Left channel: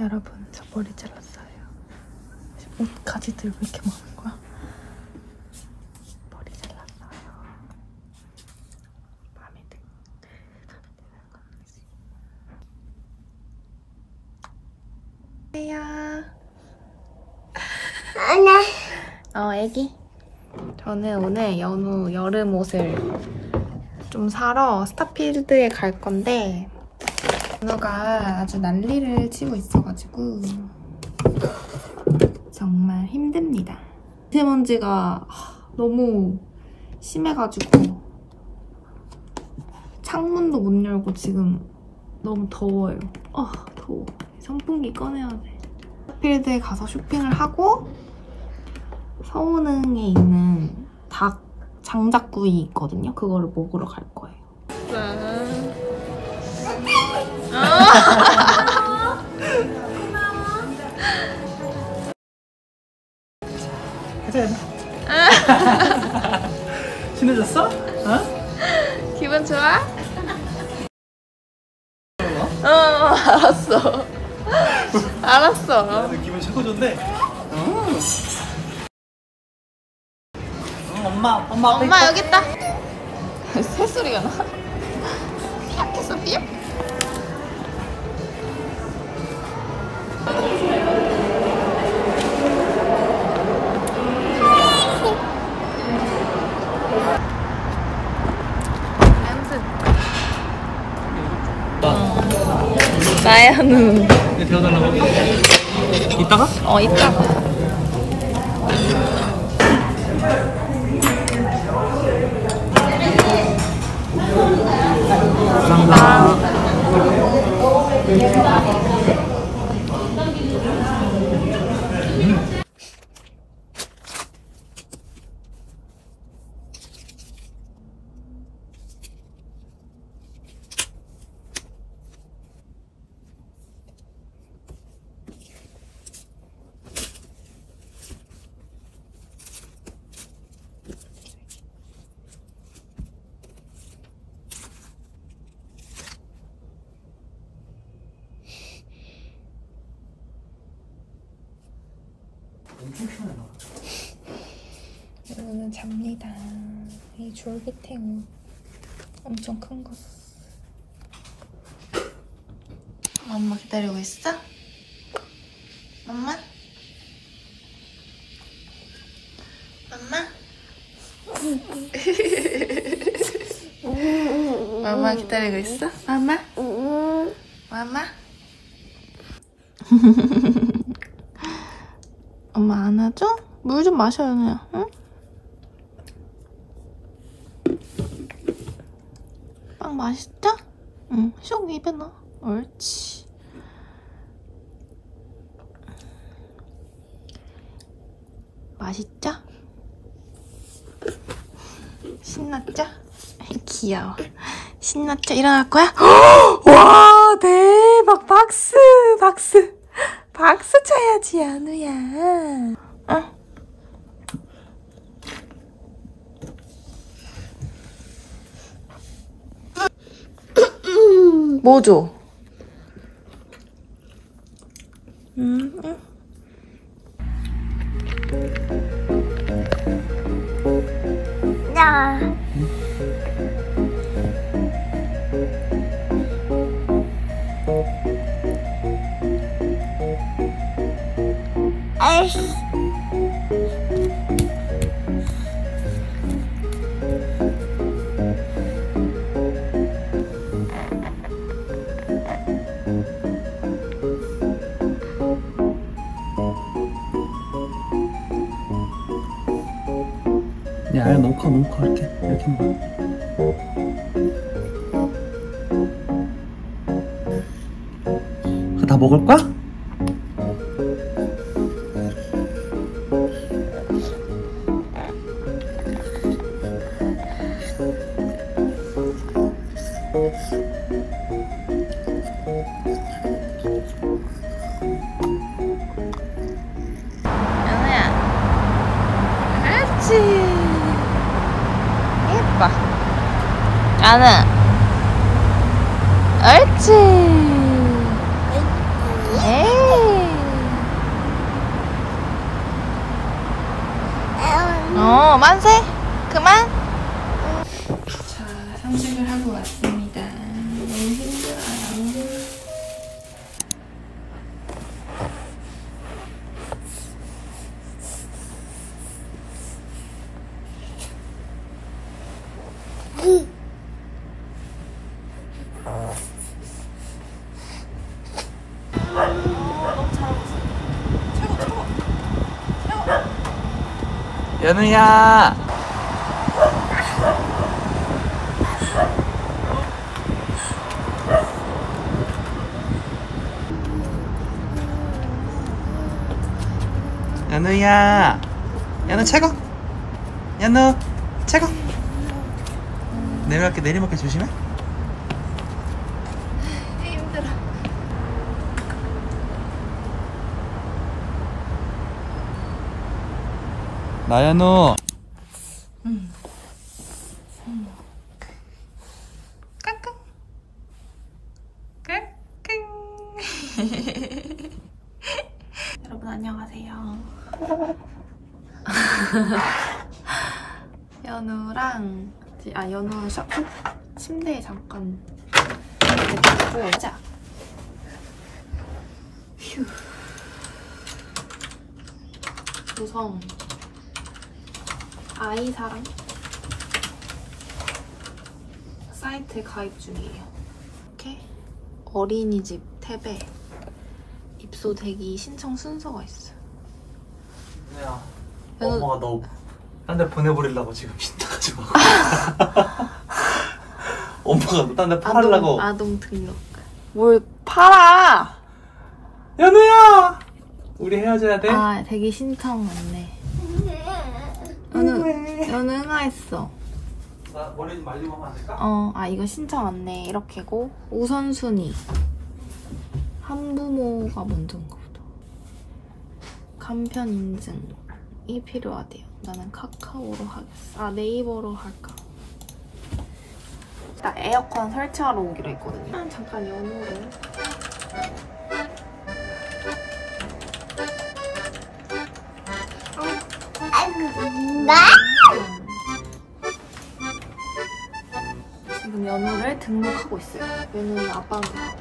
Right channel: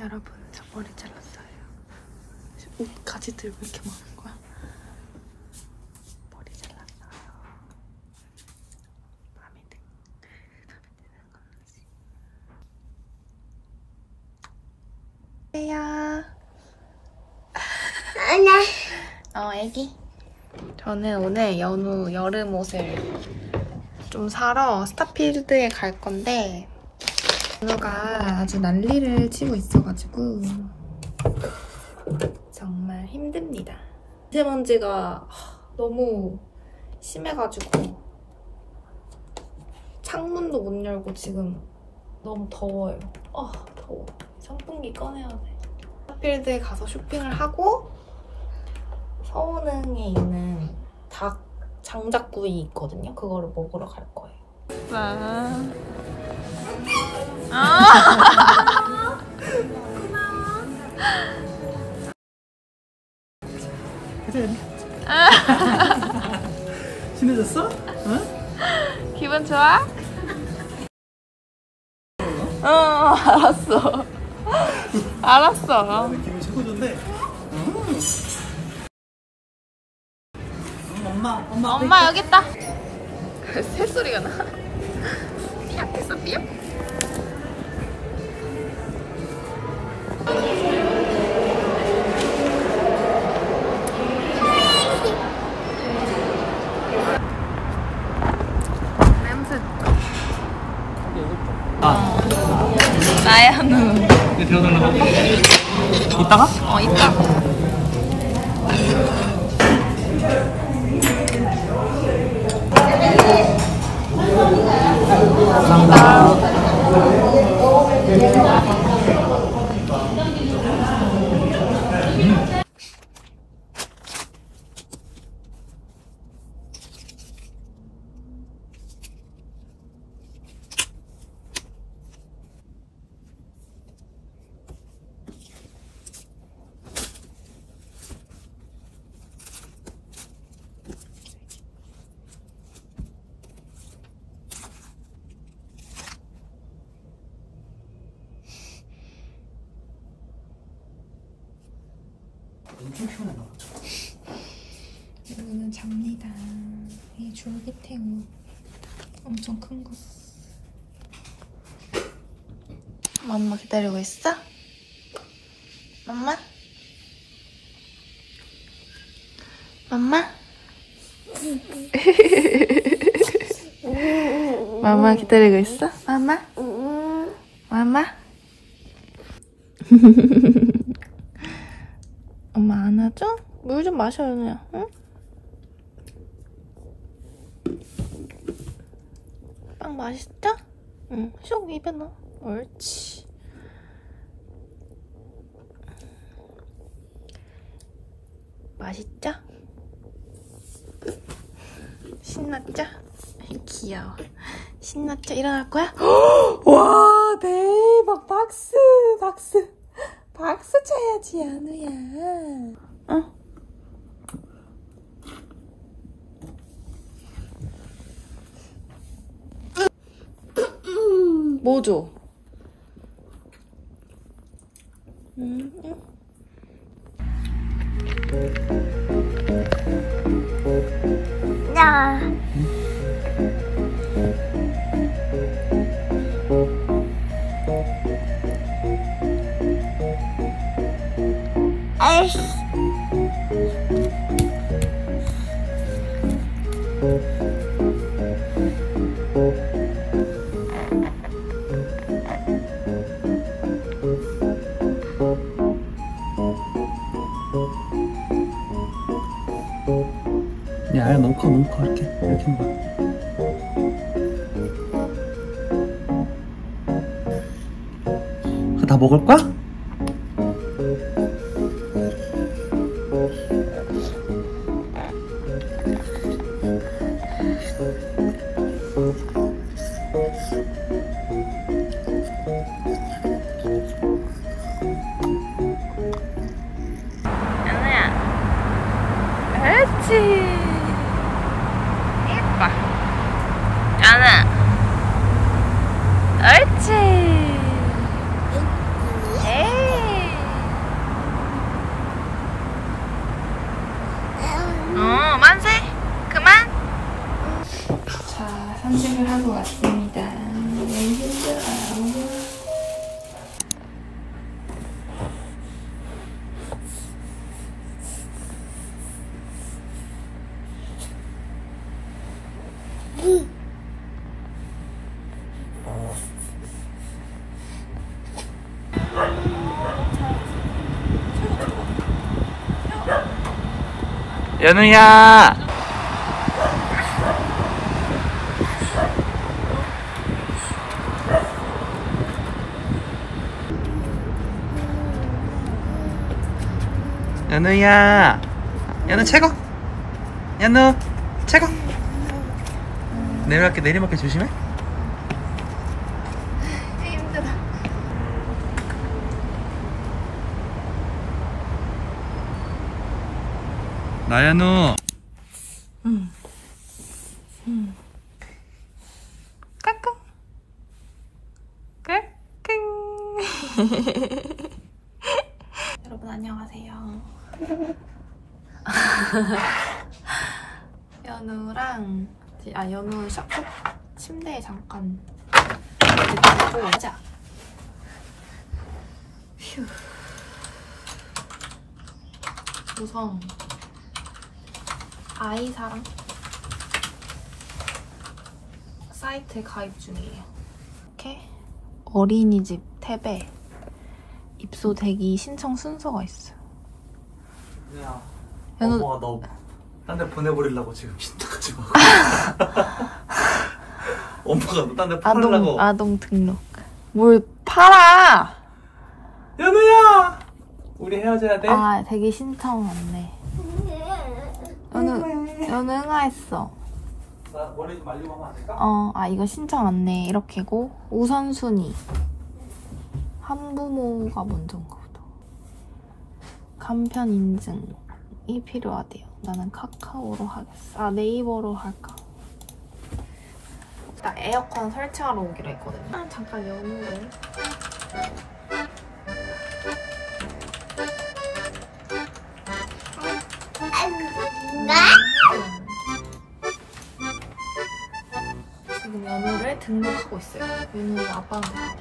여러분, 저 머리 잘랐어요. 옷까지 들고 이렇게 먹는 거야? 머리 잘랐어요. 마음에 드는 건지. 안녕. 애기. 저는 오늘 연우 여름 옷을 좀 사러 스타필드에 갈 건데 연우가 아주 난리를 치고 있어가지고 정말 힘듭니다. 미세먼지가 너무 심해가지고 창문도 못 열고 지금 너무 더워요. 더워. 선풍기 꺼내야 돼. 스타필드에 가서 쇼핑을 하고 서운흥에 있는 닭 장작구이 있거든요. 그거를 먹으러 갈 거예요. 친해졌어? 어? 기분 좋아? 알았어. 알았어. 나는 기분 최고 좋은데. 엄마 여기 있다. 새소리가 나. 핫했어 삐? 냄새. 나야는. 내 데워달라고? 이따가? 이따. 엄청 시원해. 오늘 잡니다. 이 졸기탱 옷 엄청 큰 거 샀어. 엄마 기다리고 있어? 엄마? 엄마? 엄마 기다리고 있어? 엄마? 엄마? 엄마 안아줘? 물 좀 마셔요, 그냥. 응? 빵 맛있죠? 응, 쏙 입에 넣어. 옳지. 맛있죠? 신났죠? 귀여워. 신났죠? 일어날 거야? 와, 대박! 박수! 박수! 박수 쳐야지, 연우야. 응? 뭐 줘? 응. 야. 아이씨. 야, 알 너무 커, 너무 커. 이렇게 먹어. 그거 다 먹을 거야? 연우야. 그렇지. 예뻐. 연우. 옳지. 연우야. 연우야. 연우 최고. 연우 최고. 내리막길 조심해. 힘들어. 나연우. 까꿍. 까꿍. 여러분 안녕하세요. 연우랑 연우 침대에 잠깐 내두고 하자. 휴. 우선 아이사랑 사이트에 가입 중이에요. 이렇게 어린이집 탭에 입소대기 신청 순서가 있어요. 야, 엄마가 너 딴 데 보내버리려고 지금 신나가지고 엄마가 너 딴 데 팔으려고. 아동 등록. 뭘 팔아! 연우야! 우리 헤어져야 돼? 아, 대기 신청 왔네. 연우 응아했어. 나 머리 좀 말리고 하면 안 될까? 이거 신청 왔네. 이렇게고 우선순위. 한부모가 먼저인가 보다. 간편 인증이 필요하대요. 나는 카카오로 하겠어. 네이버로 할까? 나 에어컨 설치하러 오기로 했거든요. 잠깐 연우를. 지금 연우를 등록하고 있어요. 연우는 아빠한테 가고.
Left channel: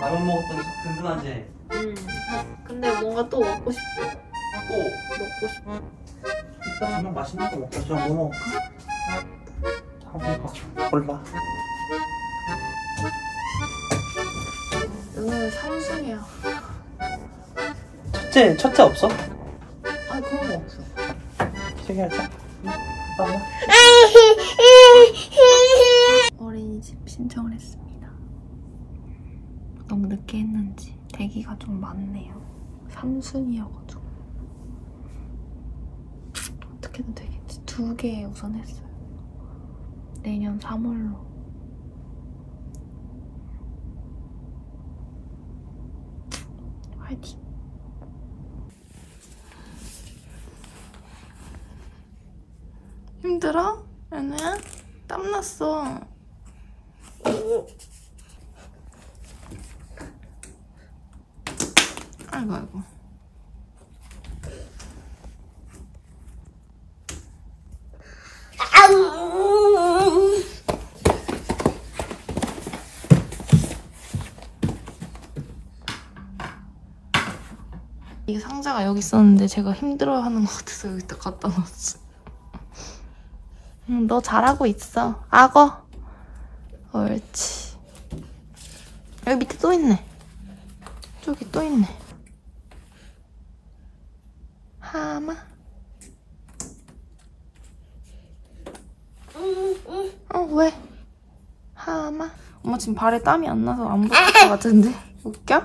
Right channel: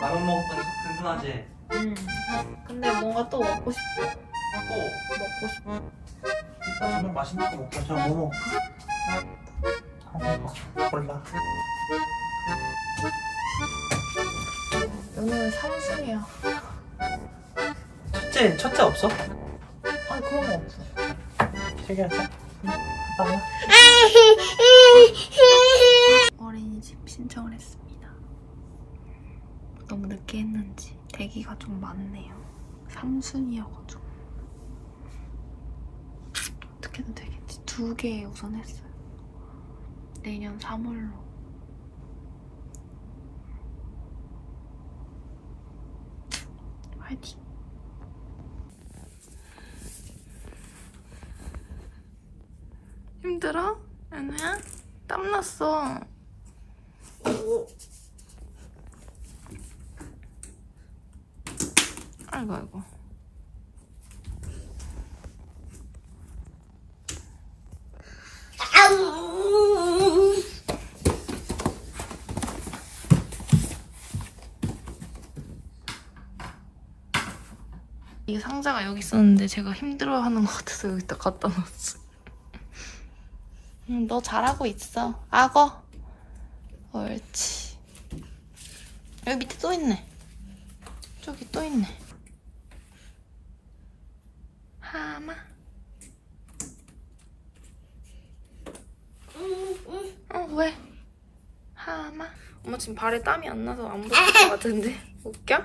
라면 먹었더니 든든하지? 근데 뭔가 또 먹고 싶어. 또? 먹고 싶어. 이따 가면 맛있는 거 먹자. 저 뭐 먹을까? 골라. 연우는 삼순이야. 첫째 없어? 아니 그런 거 없어. 얘기하자. 어린이집 신청을 했습니다. 너무 늦게 했는지 대기가 좀 많네요. 3순이어가지고 어떻게든 되겠지. 2개 우선 했어요. 내년 3월로. 화이팅! 힘들어? 연우야? 땀났어. 아이고. 이 상자가 여기 있었는데 제가 힘들어하는 것 같아서 여기다 갖다 놨어. 너 잘하고 있어. 악어. 옳지. 여기 밑에 또 있네. 저기 또 있네. 하마. 왜? 하마. 엄마 지금 발에 땀이 안 나서 안 보일 것 같은데. 웃겨?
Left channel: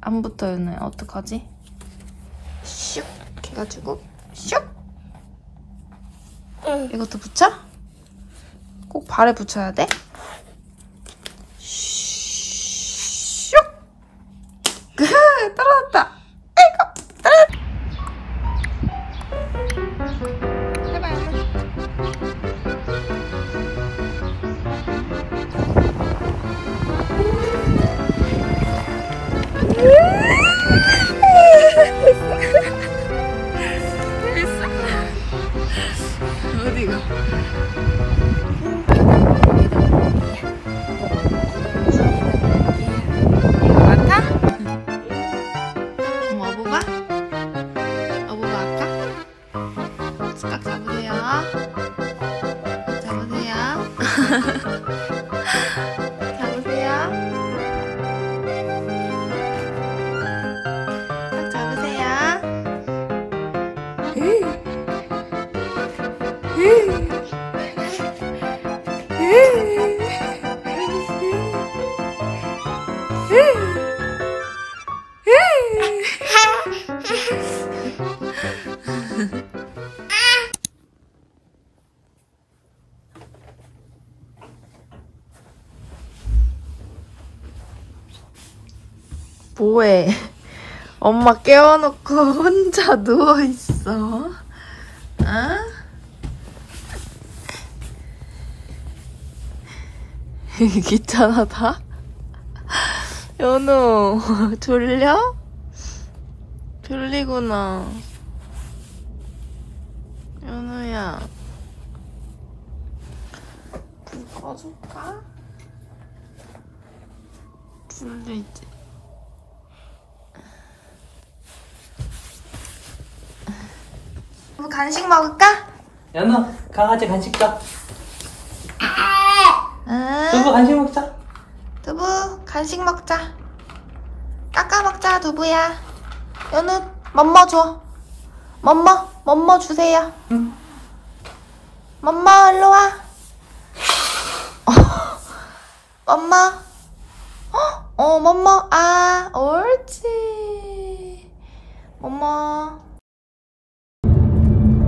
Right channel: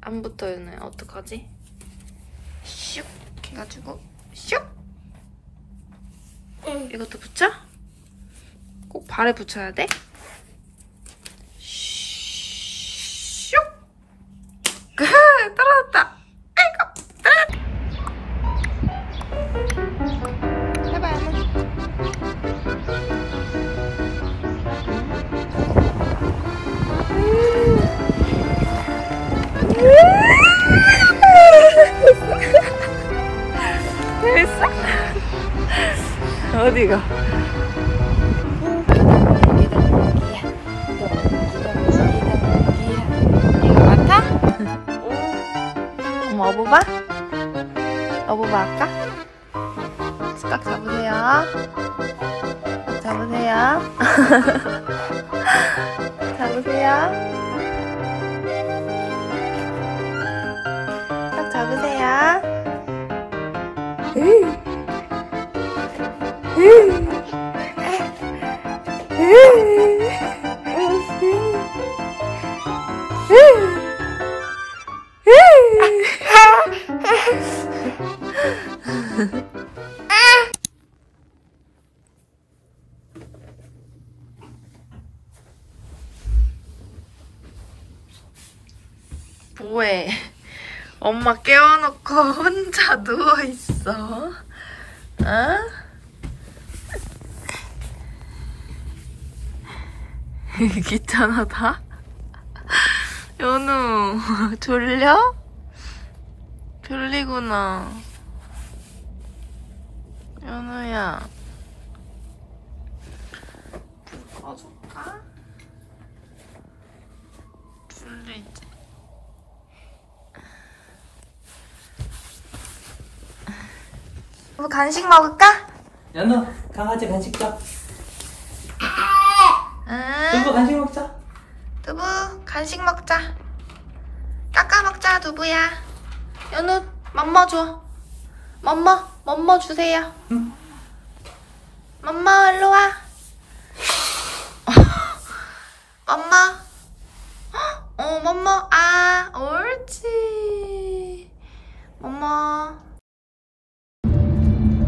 안 붙어요. 어떡하지? 슉! 이렇게 해가지고 슉! 이것도 붙여? 꼭 발에 붙여야 돼? 슉! 떨어졌다! 아이고! 떨어졌다! 해봐, 연우. 됐어? 어디가? 이거 맡아? 어부바? 어부바 할까? 깍 잡으세요. 깍 잡으세요. 잡으세요. 깍 잡으세요. 뭐해? 엄마 깨워놓고 혼자 누워있어. 어? 귀찮아다? 연우, 졸려? 졸리구나. 연우야. 불 꺼줄까? 졸리지? 뭐 간식 먹을까? 연우, 강아지 간식 줘. 응. 두부 간식 먹자. 두부 간식 먹자. 깎아 먹자 두부야. 연우 멈머 줘. 멈머 주세요. 응. 멈머 일로 와. 멈머. 멈머. 아 옳지. 멈머.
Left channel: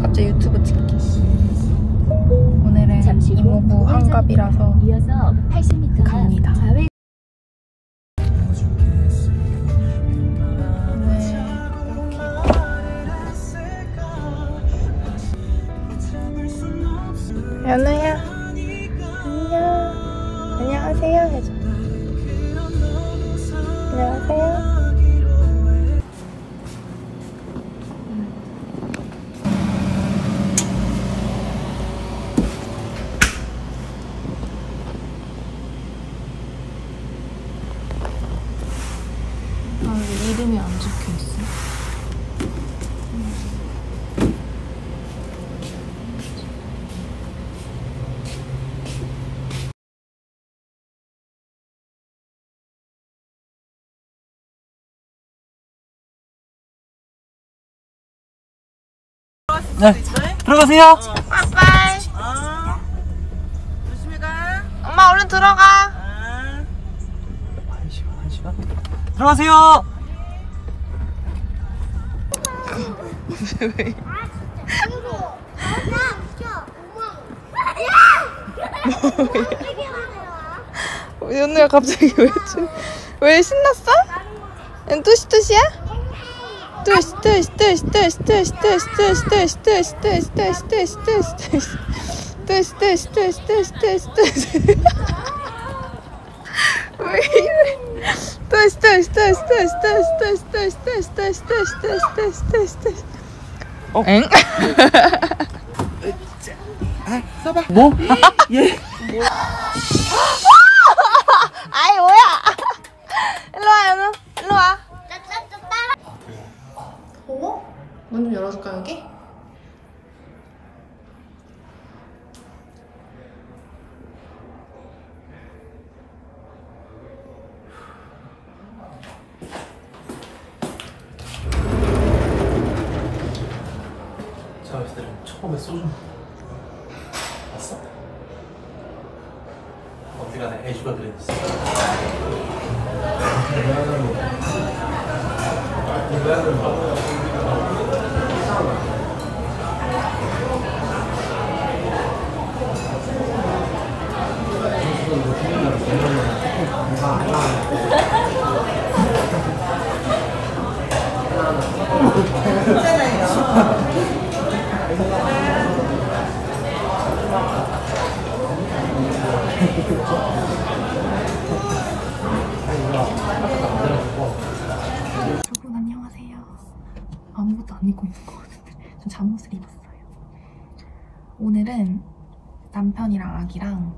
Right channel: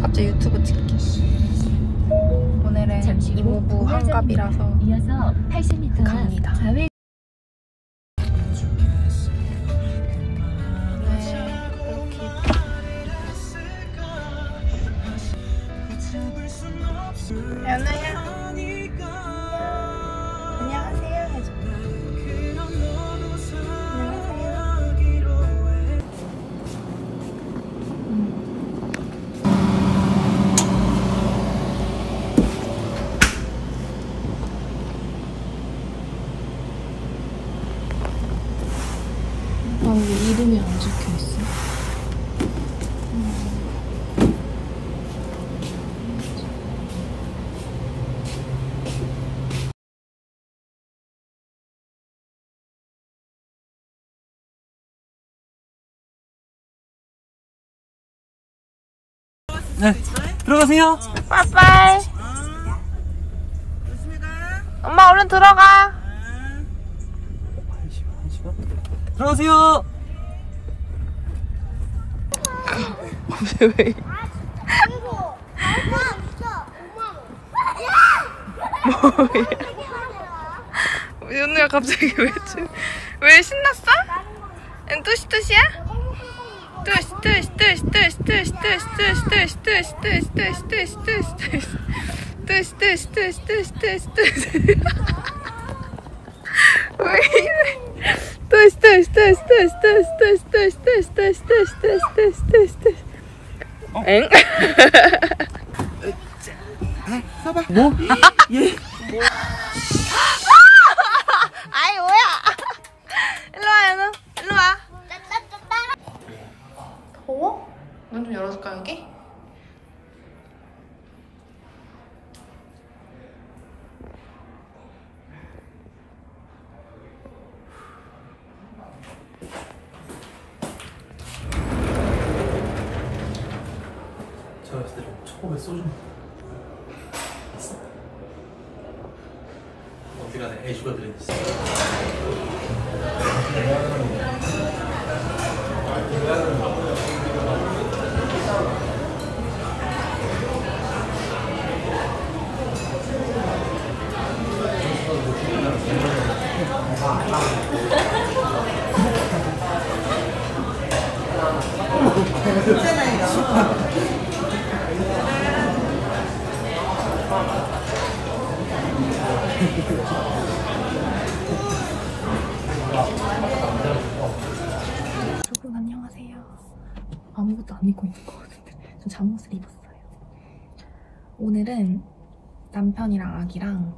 갑자기 유튜브 찍기. 오늘은 이모부 환갑이라서 이어서 80m 갑니다. 좌회 이렇게 연우야 안녕. 안녕하세요 해줘. 안녕하세요. 왜 이름이 안 적혀있어? 네, 들어가세요. 빠이빠이. 조심히 가. 엄마 얼른 들어가. 한 시간? 들어가세요. 왜? 뭐야? 연우야 갑자기 왜 신났어? 뚜시뚜시야? 뚜시 뚜시 뚜시 뚜시 뚜시 뚜시 뚜시 뚜시 뚜시 뚜시 뚜시 뚜시 뚜시 뚜시 뚜시 뚜시 뚜시 뚜시 뚜시 왜 이래? 뚜시 뚜시 뚜시 뚜시 뚜시 뚜시 뚜시 뚜시 뚜시 뚜시 뚜시 뚜시 뚜시 엥? 써봐. 뭐? 예. 아이 뭐야? 일로와 연우 일로와. 더워? 문 좀 열어줄까 여기? 제가 그때 처음에 소주 봤어? 어디 가네 애주가 그랬지. 여러분 안녕하세요. 아무것도 안 입고 있는 것 같은데 전 잠옷을 입었어요. 오늘은 남편이랑 아기랑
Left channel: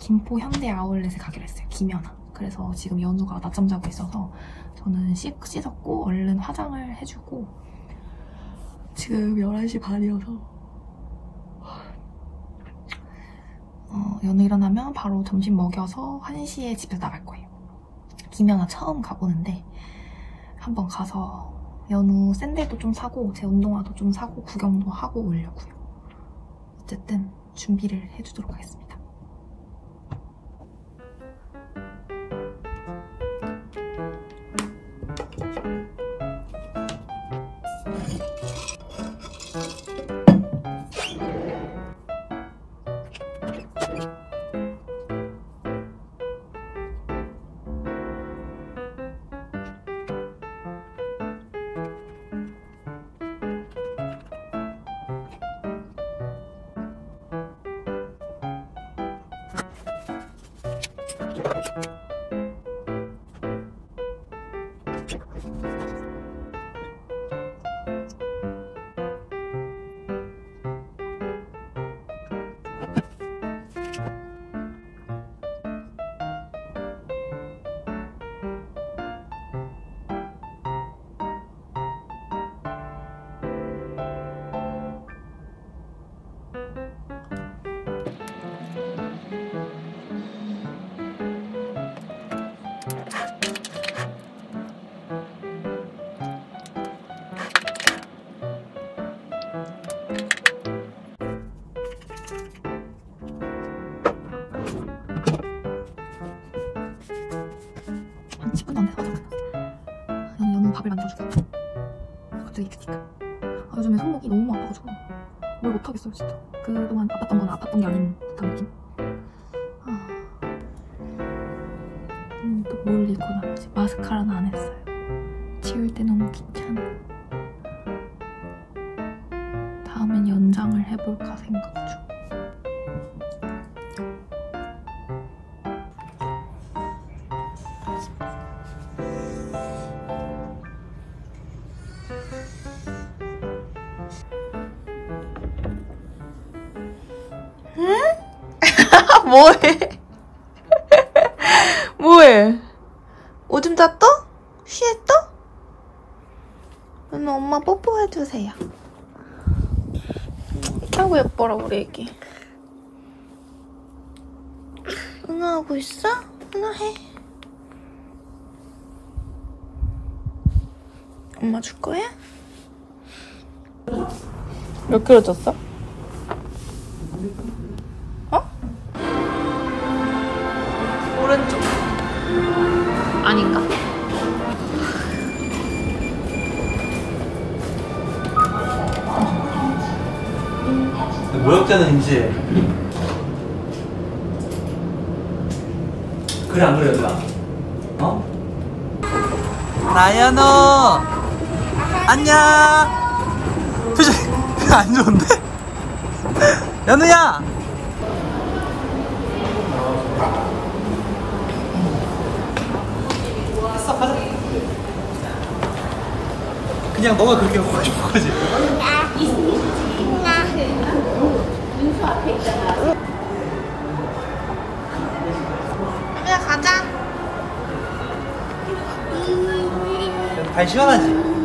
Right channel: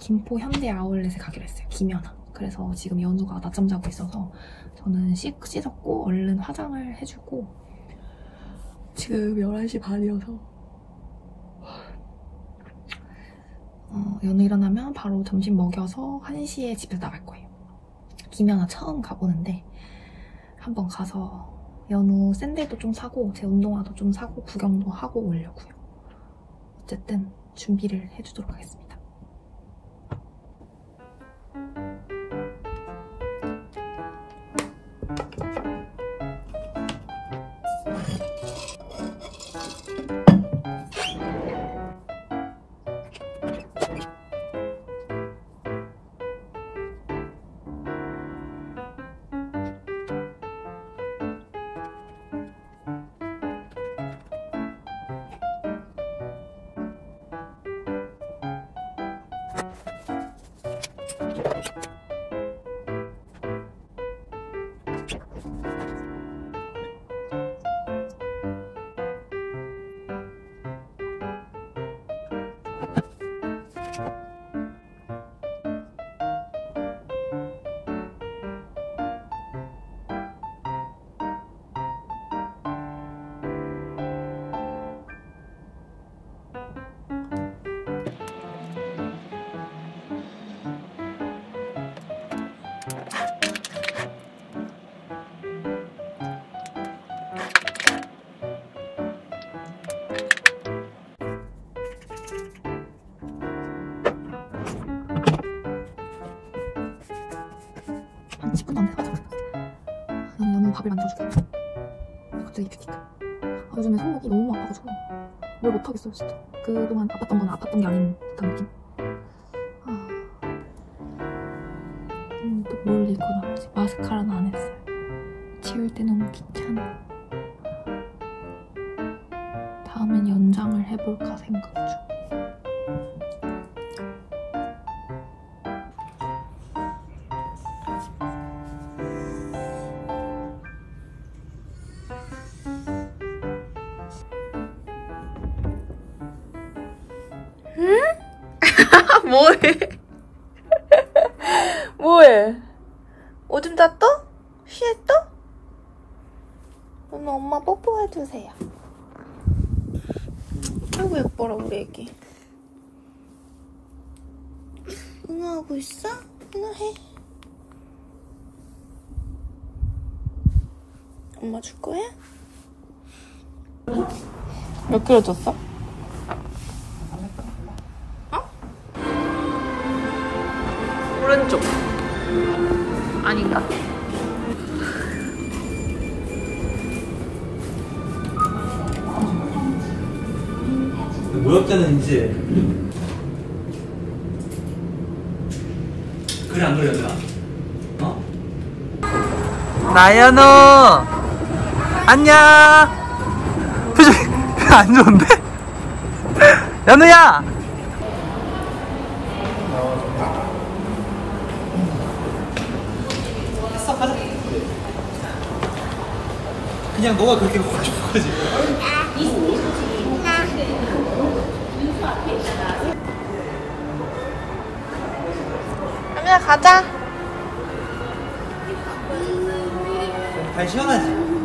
김포 현대 아울렛에 가기로 했어요. 김연아. 그래서 지금 연우가 낮잠 자고 있어서 저는 씻었고 얼른 화장을 해주고 지금 11시 반이어서 연우 일어나면 바로 점심 먹여서 1시에 집에서 나갈 거예요. 김연아 처음 가보는데 한번 가서 연우 샌들도 좀 사고 제 운동화도 좀 사고 구경도 하고 오려고요. 어쨌든 준비를 해주도록 하겠습니다. 한 10분도 안 돼서 연우 밥을 만들어주고 갑자기 드니까 요즘에 손목이 너무 아파가지고 뭘 못하겠어요 진짜. 그동안 아팠던 건 아팠던 게 아닌 듯한 느낌. 또 뭘 입고 나가지? 마스카라는 안 했어요. 지울 때 너무 귀찮아. 다음엔 연장을 해볼까 생각 중. 뭐해? 뭐해? 오줌 쌌어? 쉬했어? 그러면 엄마 뽀뽀해주세요. 아이고 예뻐라 우리 애기. 응아하고 있어? 응아해. 엄마 줄 거야? 몇 킬로 쪘어? 오른쪽 아닌가? 모욕되는 이제 그래 안 그래 얘들아? 어? 나연우 안녕. 표정이 안 좋은데? 연우야. 그냥 너가 그렇게 하고 싶은 거지. 연우야 가자. 발 시원하지?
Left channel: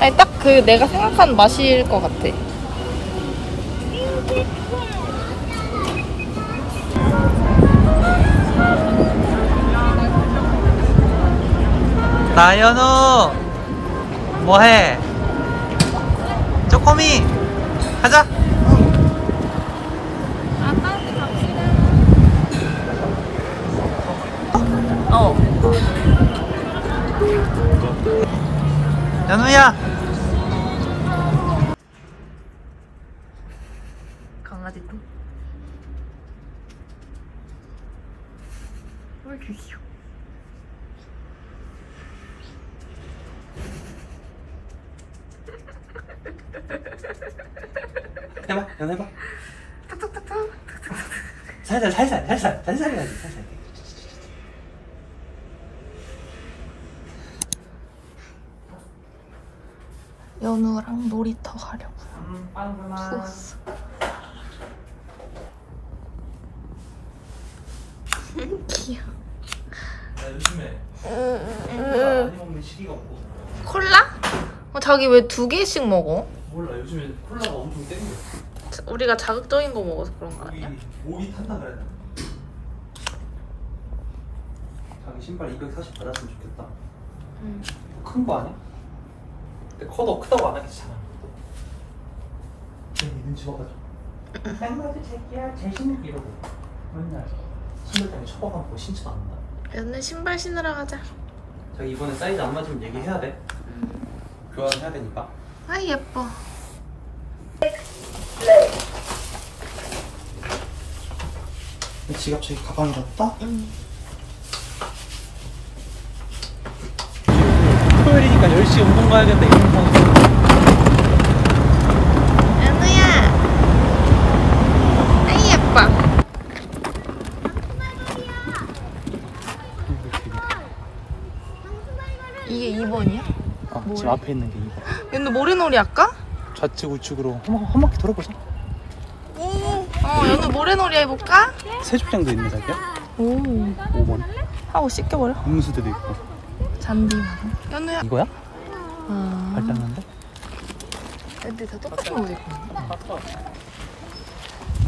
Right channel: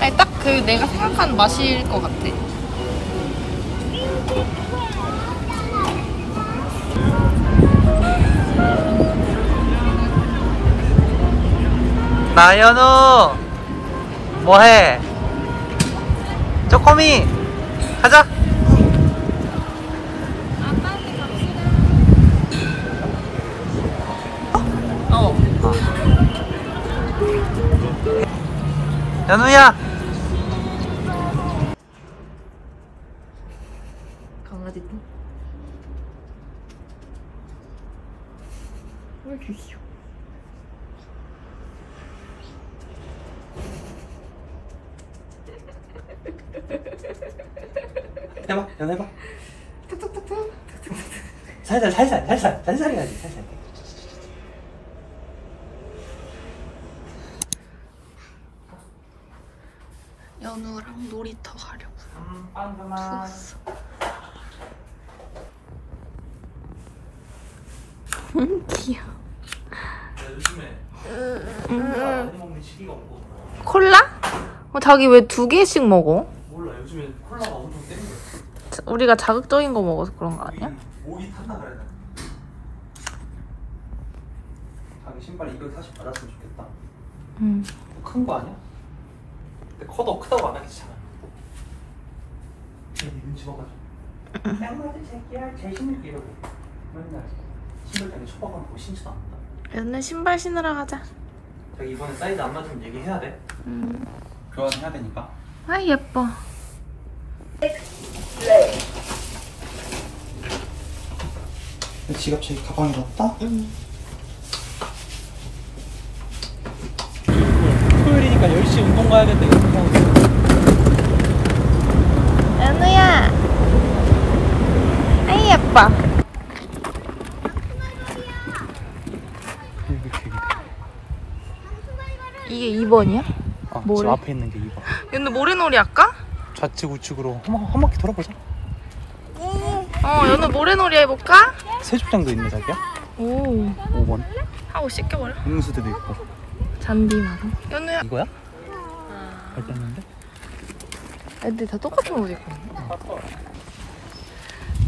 아니 딱 그 내가 생각하는 맛일 것 같아. 나연우 뭐해? 쪼꼬미 가자. 아빠한테 갑시다. 어. 연우야. 강아지도. 왜 이렇게 귀여워. 해봐, 연해봐. 살살 해야지, 살살. 연우랑 놀이터 가려고요. 추웠어. 귀여워. 자기 왜 2개씩 먹어? 몰라, 요즘엔 콜라가 엄청 땡겨. 우리가 자극적인 거 먹어서 그런 거 아니야? 목이 탄다 그래야 되나? 자기 신발 240 받았으면 좋겠다. 큰 거 아니야? 근데 커도 크다고 안 하겠지, 잘. 눈치 봐가지고. 양말이 새끼야, 제일 신는 게 이러고. 맨날 신을 때문에 처박아놓고 신지도 않는다. 연우 신발 신으러 가자. 자기 이번에 사이즈 안 맞으면 얘기해야 돼. 교환해야 되니까. 아 예뻐. 지갑 저기 가방에 넣었다? 토요일이니까 10시 운동 가야 된다, 이런 상황. 연우야. 아이 예뻐. 이게 2번이야? 모래? 저 앞에 있는 게 2번. 연우 모래놀이 할까? 좌측 우측으로 한 바퀴 돌아보자. 연우 모래놀이 해볼까? 세족장도 있네, 자기야. 오. 5번. 하고 씻겨버려. 음수도도 있고. 잔디 마루. 연우야. 이거야? 아. 발 닦는데? 애들 다 똑같은 옷 입고 있네.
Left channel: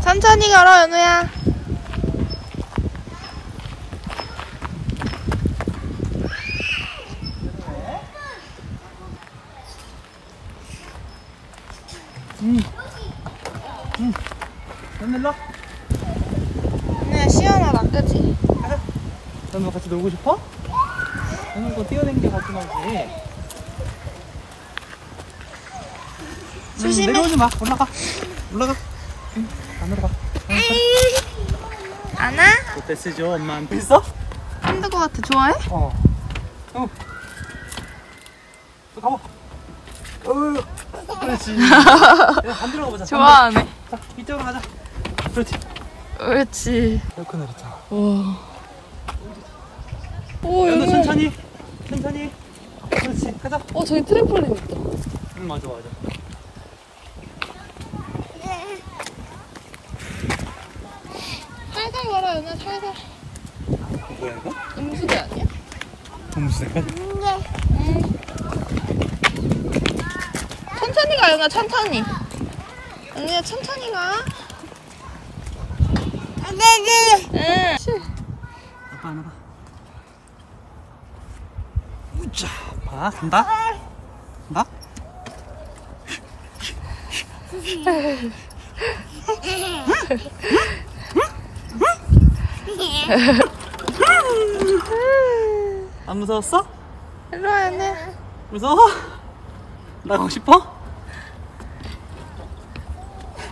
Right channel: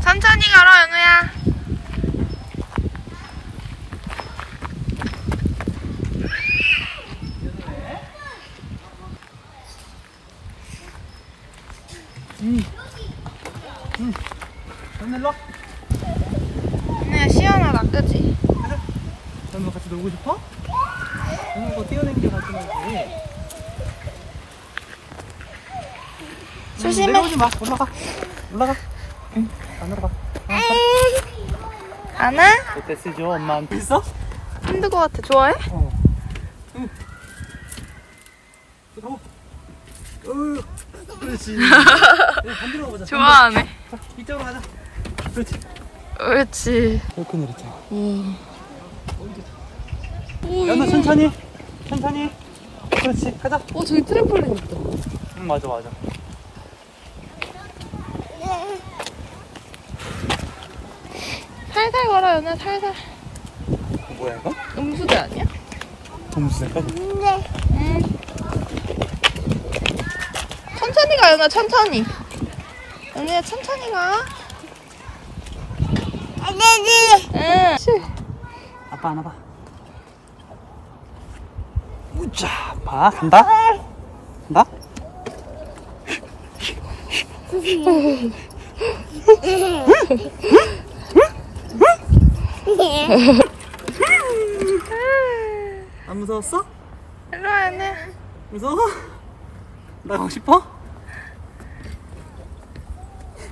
천천히 걸어, 연우야. 연우 일로 와. 연우야, 시원하다, 그치? 가자. 연우 같이 놀고 싶어? 연우 거 뛰어댕겨 가지 말지. 조심해. 내려오지 마. 올라가. 올라가. 응. 안으로 가. 안아? 그때 쓰죠. 엄마한테 있어? 힘들 것 같아. 좋아해? 어. 응. 가봐. 그렇지. 반대로 가보자. 좋아하네. 자, 이쪽으로 가자. 그렇지. 그렇지. 이렇게 내렸잖아. 와. 오, 연우 천천히. 천천히. 그렇지. 가자. 저기 트램폴린 있다. 응, 맞아, 맞아. 살살 걸어, 연우야, 살살. 뭐야, 이거? 음수대 아니야? 동물색까지. 천천히 가, 연우야, 천천히. 연우야, 천천히 가. 응. 아빠 안아봐. 우짜. 봐, 간다. 간다. 안 무서웠어? 일로 와, 연우야. 무서워? 나가고 싶어?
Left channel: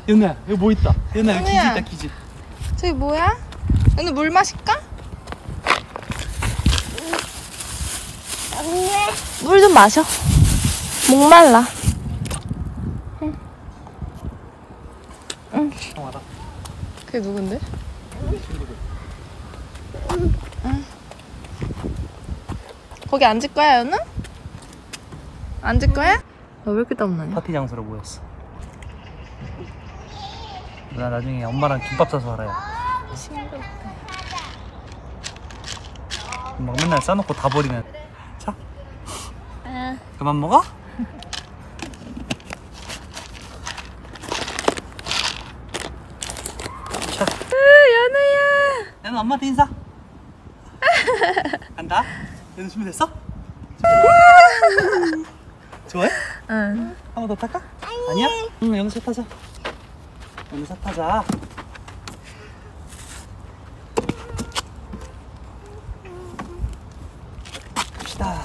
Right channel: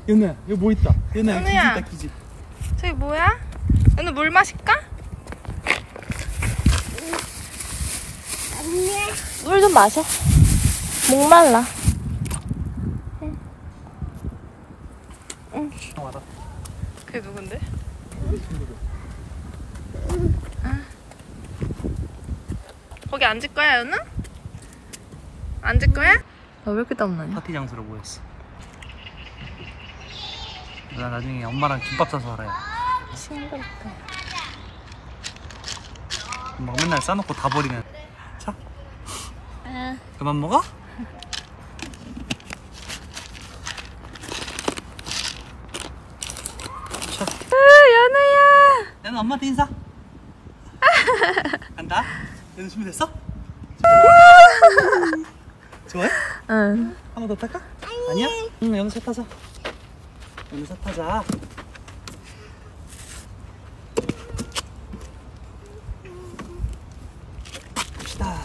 연우야, 여기 뭐 있다. 연우야, 여기 기지 연우야. 있다, 기지. 저기 뭐야? 연우 물 마실까? 물 좀 마셔. 목말라. 형 와라. 그게 누군데? 친구들. 거기 앉을 거야, 연우? 앉을 거야? 왜 이렇게 땀나냐? 파티 장소로 모였어. 나 나중에 엄마랑 김밥 싸서 살아야. 싱겁다. 막 맨날 싸놓고 다 버리는. 자. 그만 먹어? 자. 연우야. 연우 엄마한테 인사. 간다. 연우 준비됐어? 좋아해? 응. 한 번 더 탈까? 아니야? 응, 연우 차 타자. 연우 차 타자. 갑시다.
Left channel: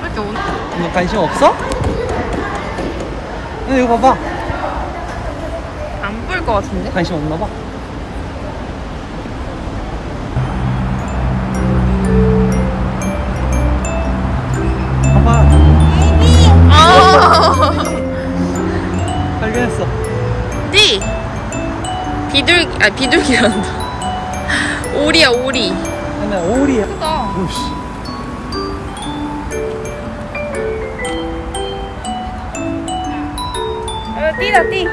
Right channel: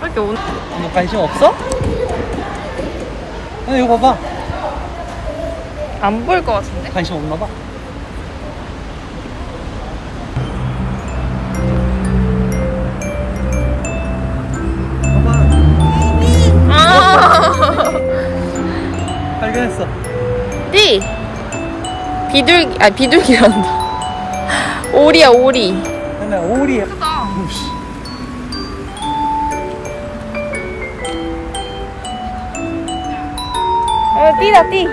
왜 이렇게 오늘 너 관심 없어? 이거 봐봐. 안 보일 것 같은데? 관심 없나 봐. 봐봐. 아. 발견했어. 띠. 비둘기란다. 오리야, 오리. 그냥 오리. 크다. 오씨. 띠다, 띠.